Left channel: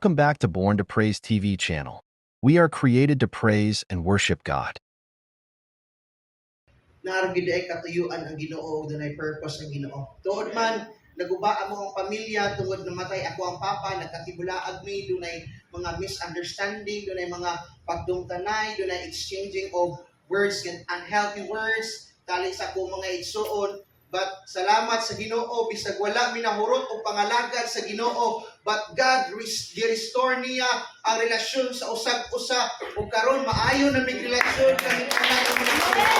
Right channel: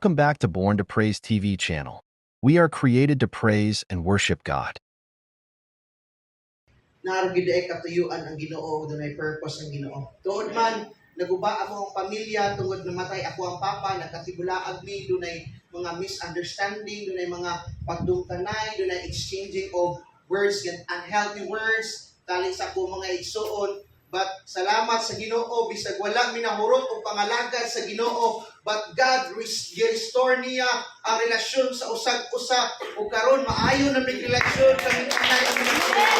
Welcome back to Born to Praise TV channel. We are created to praise and worship God. Naragid ay katuyuan ang Ginoo, dunay purpose ang Ginoo. Tuod man naguba mo ang pamilya tungod namatay ako ang papa, nagkatibulaag mi, dunay mga misunderstanding, dunay mga pagdungtanay, dunay exchanging of words and unhealthy words tali sa ako mga igsuon. But salamat sa Ginoo, bisag wala minahurot o pangalagad sa Ginoo, but God restore niya ang relasyon sa usag-usa o karon maayo na may relasyon kami kanay ang mga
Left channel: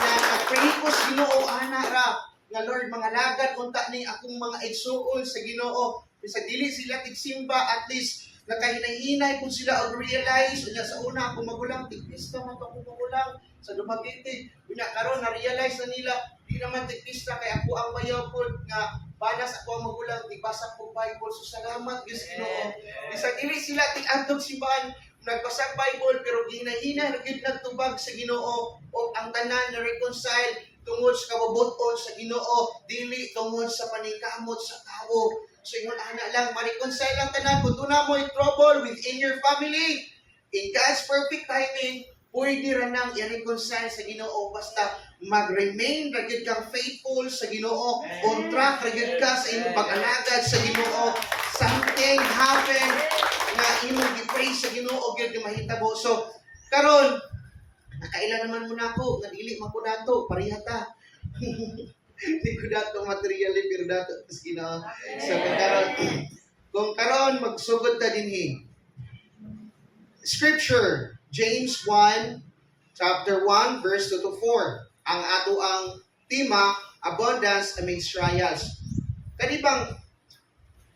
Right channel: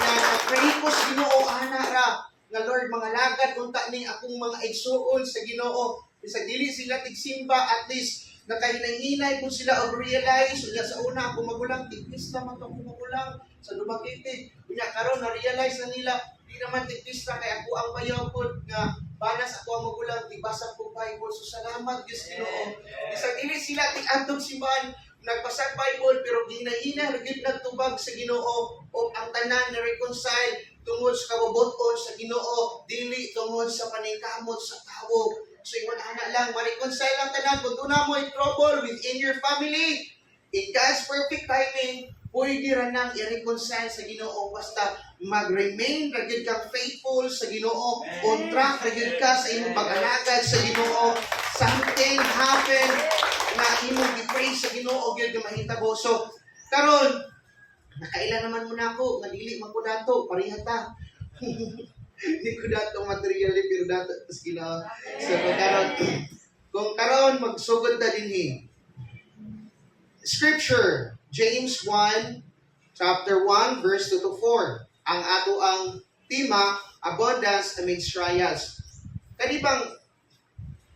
na pray ko sa Ginoo ana ra nga Lord mga lagad unta ni akong mga igsuon sa Ginoo bisag dili sila tigsimba, at least nakahinay-hinay kung sila og realize unya sa una ako magulang tigpista man to ako magulang sa Dumaguete unya karon na realize na nila di naman tigpista kay ako ang bayaw pod nga banas ako ang magulang tigbasa ko Bible. So salamat Diyos Ginoo bisag dili sila tig-adtog simbahan nagbasa Bible pero ginahina gid nagtubag sa Ginoo o ang tanan na reconcile tungod sa kabubuton sa Ginoo dili tungod sa paningkamot sa tawo. So ingon ana lang ma-reconcile ang tanan kung na mo trouble within your family in God's perfect timing pwede ra nang i-reconcile sa Ginoo basta mag-remain ra gyud kang faithful sa Ginoo, on track ra gyud ka sa imong pag-alagad sa Ginoo. Something happen na imong gi-praise sa Ginoo gyud nga mahitabo. So karon nakaila naman mo nako nga dili man ko dato pareha ta. Hindi ko dato materially pero dato sa Ginoo. So karon kung karon magsugod ta dinhi. Scripture James 1 chapter 1 verse 2 to 4. Ang ato ang tema, abundance amidst trials. Kani bang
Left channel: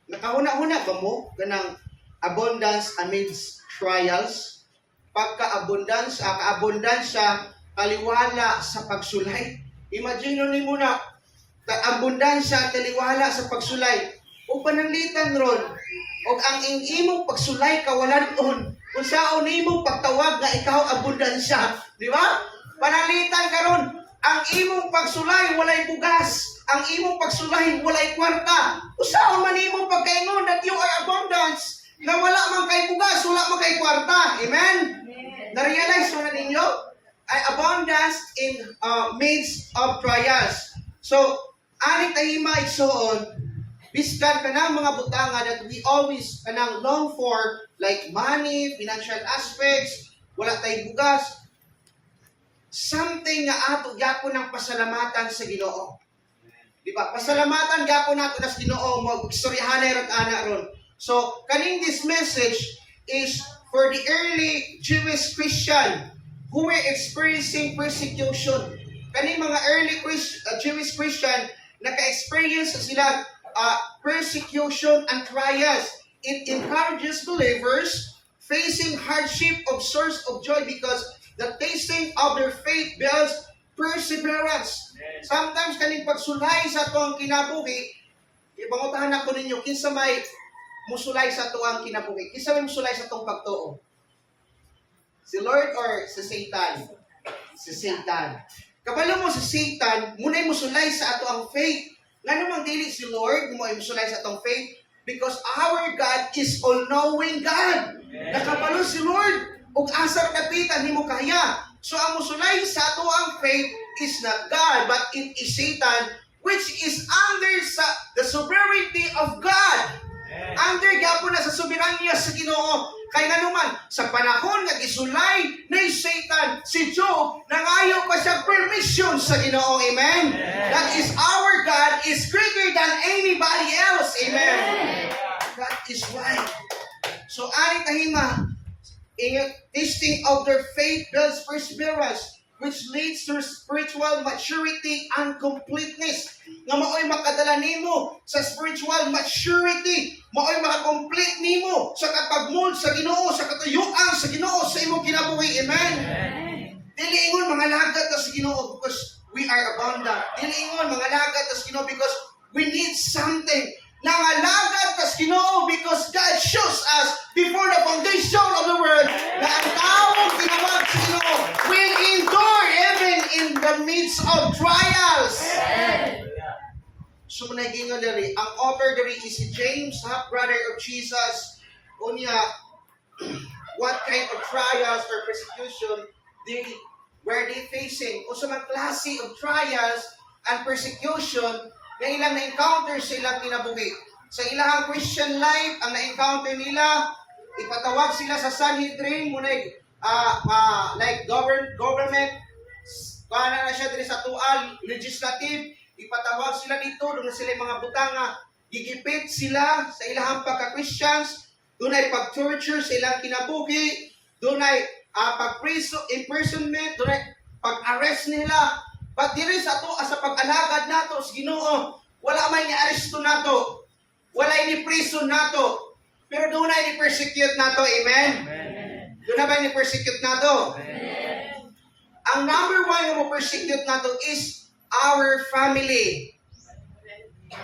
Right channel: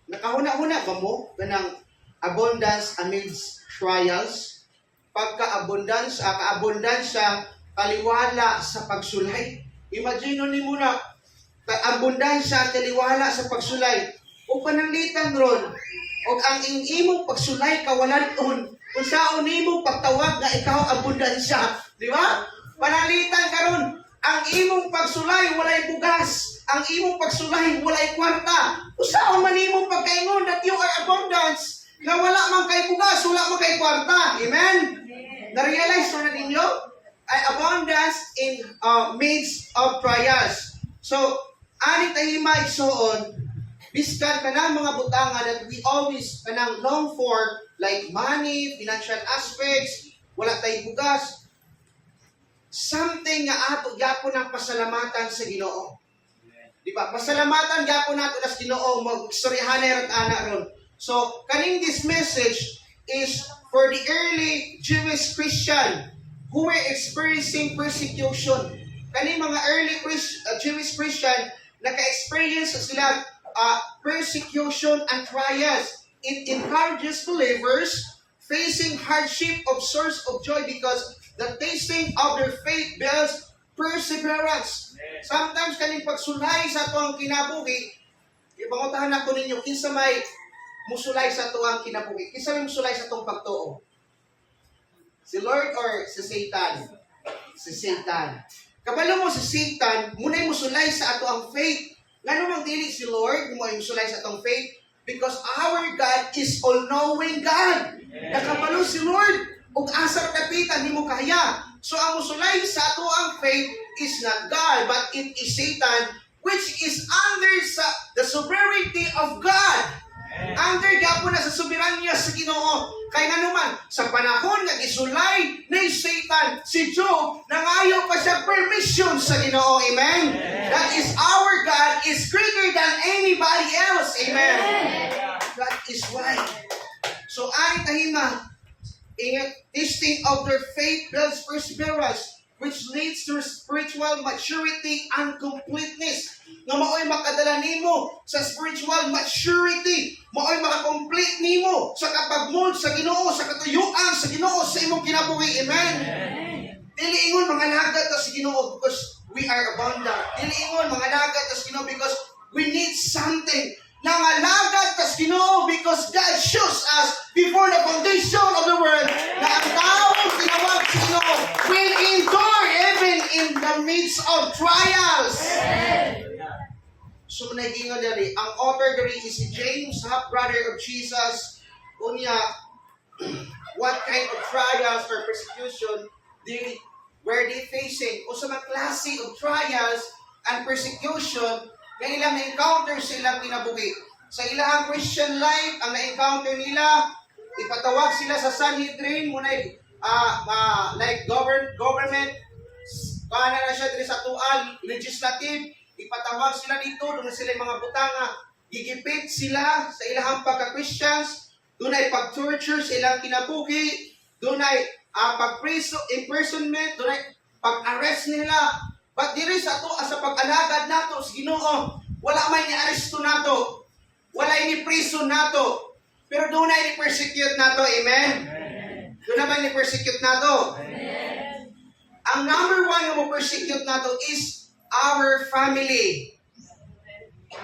nakahuna-huna ba mo kanang abundance amidst trials? Pagka-abundance, ka-abundansya kaliwala sa pagsulay. Imagine nimo na abundansya kaliwala sa pagsulay. O pananglitan ron, o ang imong pagsulay kawalan-on, kung saan imong pagtawag nga ikaw abundansya, di ba? Panalitan karon, ang imong pagsulay walay bugas, ang imong pagsulay walay kwarta. Usaon man imong pagkaingon that you are abundance, na wala man kay bugas, wala man kay kwarta. Amen? Na-realize mo na ninyo? Ay abundance in midst of trials. So, ani tahima igsoon, biskan kanang mga butanga that we always kanang long for, like money, financial aspects, wala tay bugas, something nga ato gyapon ng pasalamatan sa Ginoo. Di ba? Pasalamatan gyapon nato sa Ginoo, magstoryahanay rat ana ron. So, kaning this message is for the early Jewish Christian who were experiencing persecution. Kaning mga early Jewish Christian naka-experience sila persecution and trials. It encourages believers facing hardship of source of joy because the tasting of their faith builds perseverance. Sometimes kaning pagsulay sa tuang kinabuhi, ipanguntahan ako ninyo, kinsa may musulay sa tuang kinabuhi? Kinsa may musulay sa tuang pagtuo? Si Lord or si Satan? Si Satan. Kabalo mo si Satan, muna'y musulay sa ato ang faith. Nga namang dili si Lord, mo ay musulay sa atong faith, because our God is all-knowing God. Nakabalo si Lord, ug asa kapitan nimo kaya. So ang musulay sa ato ang faith is not God, but it is Satan, which is under the sovereignty of God. Under gyapon na sa soberanya sa Ginoo. Kay nanuman sa panahon nga gisulay ni Satan si Job, nangayo pa siya permission sa Ginoo. Amen. That is our God is greater than anybody else. Amen. That is why. So ani tahima, tasting of their faith builds perseverance, which leads to spiritual maturity and completeness. Nga mao'y makadala nimo sa spiritual maturity, mao'y makakomplete nimo sa kapagmold sa Ginoo, sa katuyuan sa Ginoo sa imong kinabuhi. Amen. Dili ingon mga lagad ta sa Ginoo because we are abundant. Dili ingon mga lagad ta sa Ginoo because we need something. Nangalagad ta sa Ginoo because God shows us before the foundation of the world na ang taong tinawag sa Ginoo will endure even in the midst of trials. So, nagingan dali, ang author dali is si James, half-brother of Jesus. unya what kind of trials or persecution were they facing? O sa mga klase of trials and persecution na ilang na-encounter sa ilang kinabuhi. Sa ilang Christian life, ang na-encounter nila, ipatawag sila sa Sanhedrin, muna like government, paano na siya din sa tual, legislative, ipatawag sila dito, doon sila yung mga butang gigipit sila sa ilang pagka-Christians, doon ay pag-torture sa ilang kinabuhi, doon ay imprisonment, doon ay pag-arrest nila. But diri sa to, sa pag-alagad nato sa Ginoo, wala may ni-aresto nato, wala ni-prison nato, pero doon ay ni-persecute nato, amen? Doon na ba ni-persecute nato? Amen. Ang number one nga mo-persecute nato is our family.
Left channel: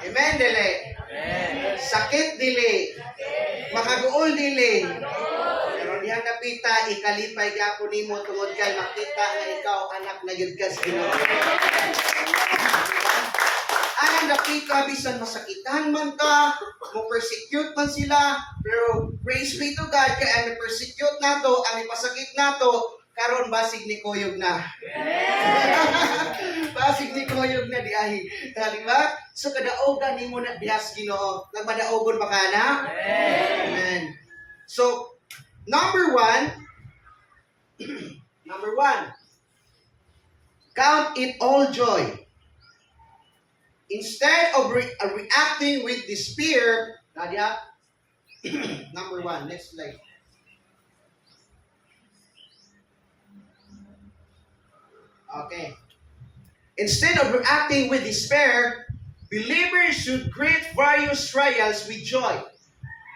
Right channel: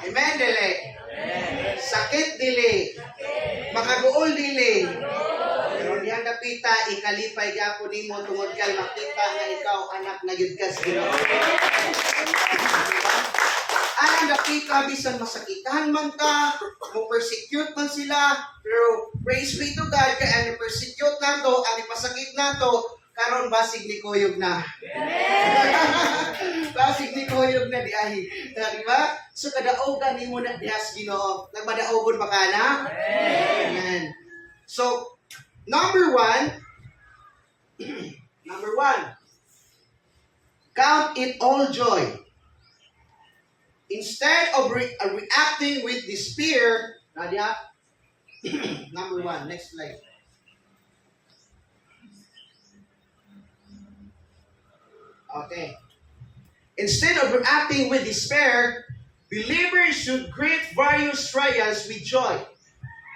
Amen, dili? Amen. Sakit, dili? Makaguol, dili? Pero diyan napita, ikalipay gyapon nimo tungod kay makita nga ikaw anak na gyud ka sa Ginoo. Ay napita bisan masakitan man ka, mo persecute man sila, pero praise be to God kay ang persecute nato, ang ipasakit nato, karon basig ni kuyog na. Basig ni kuyog na di ay. Di ba? So kadaogan nimo na dihas Ginoo. Nagmadaogon ba ka na? Amen. So number one, count it all joy. Instead of reacting with despair, Nadia, number one, next slide. Okay. Instead of reacting with despair, believers should greet various trials with joy,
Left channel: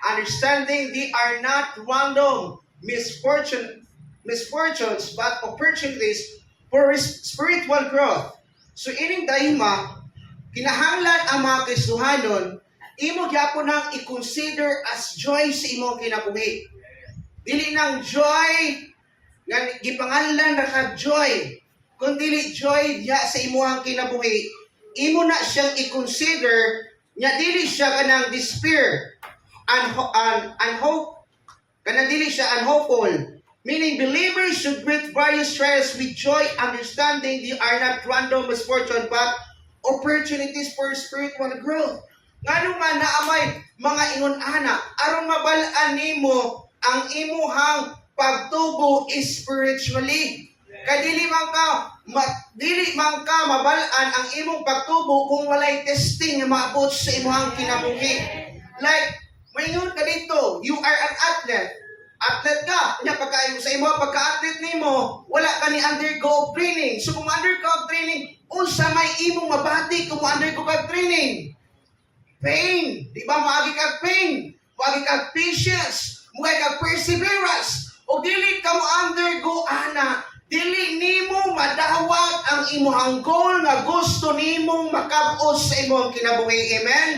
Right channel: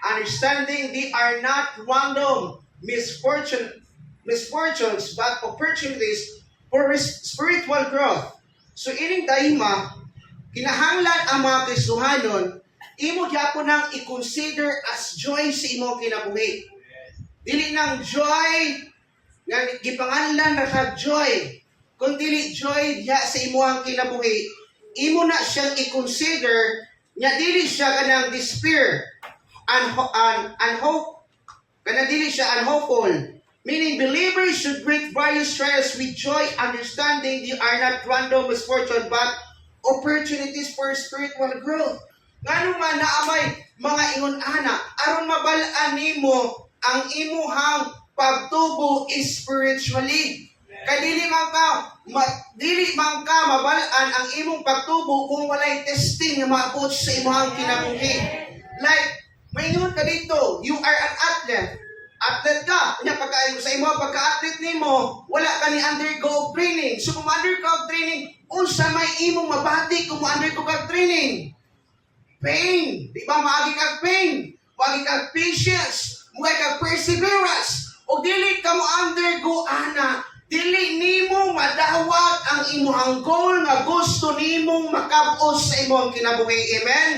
understanding they are not random misfortunes, but opportunities for spiritual growth. So, ining dahima, kinahanglan ang mga Kristohanon, imo gyapon nang i-consider as joy sa imong kinabuhi. Dili nang joy nga gipanganlan na ka-joy, kung dili joy diha sa imong kinabuhi, imo na siyang i-consider nya dili siya kanang despair and hope, kanang dili siya unhopeful. Meaning, believers should greet various trials with joy, understanding they are not random misfortune, but opportunities for spiritual growth. Ngano nga naamay mga ingon-ana, aron mabalaan nimo ang imuhang pagtubo spiritually. Kay dili man ka mabalaan ang imong pagtubo kung walay testing nga maabot sa imuhang kinabuhi. Like, maingon ka dito, you are an athlete. Athlete ka, kanya sa imo pagka-athlete nimo, wala ka ni undergo of training. So kung undergo of training, unsa may imong mabati kung undergo ka training? Pain, di ba maagi kag pain, maagi kag patience, maagi kag perseverance. O dili ka mo undergo ana, dili nimo madawat ang imong goal nga gusto nimong makabos sa imong kinabuhi. Amen?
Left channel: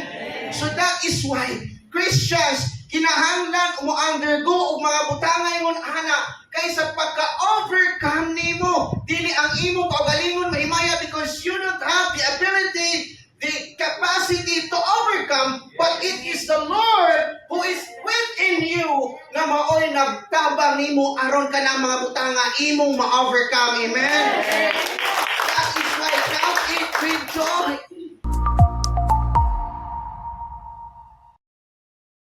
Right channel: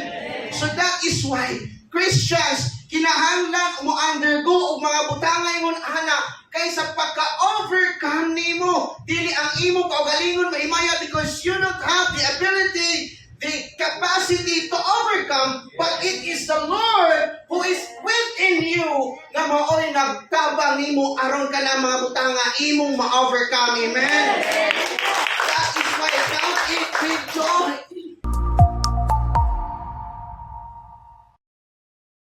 So that is why Christians kinahanglan mo undergo og mga butangay ngon ana kaysa pagka-overcome nimo, dili ang imong kaugalingon mahimaya because you don't have the ability, the capacity to overcome, but it is the Lord who is within you na maoy nagtabang nimo aron ka na mga butanga imong ma-overcome. Amen? That is why count it with joy.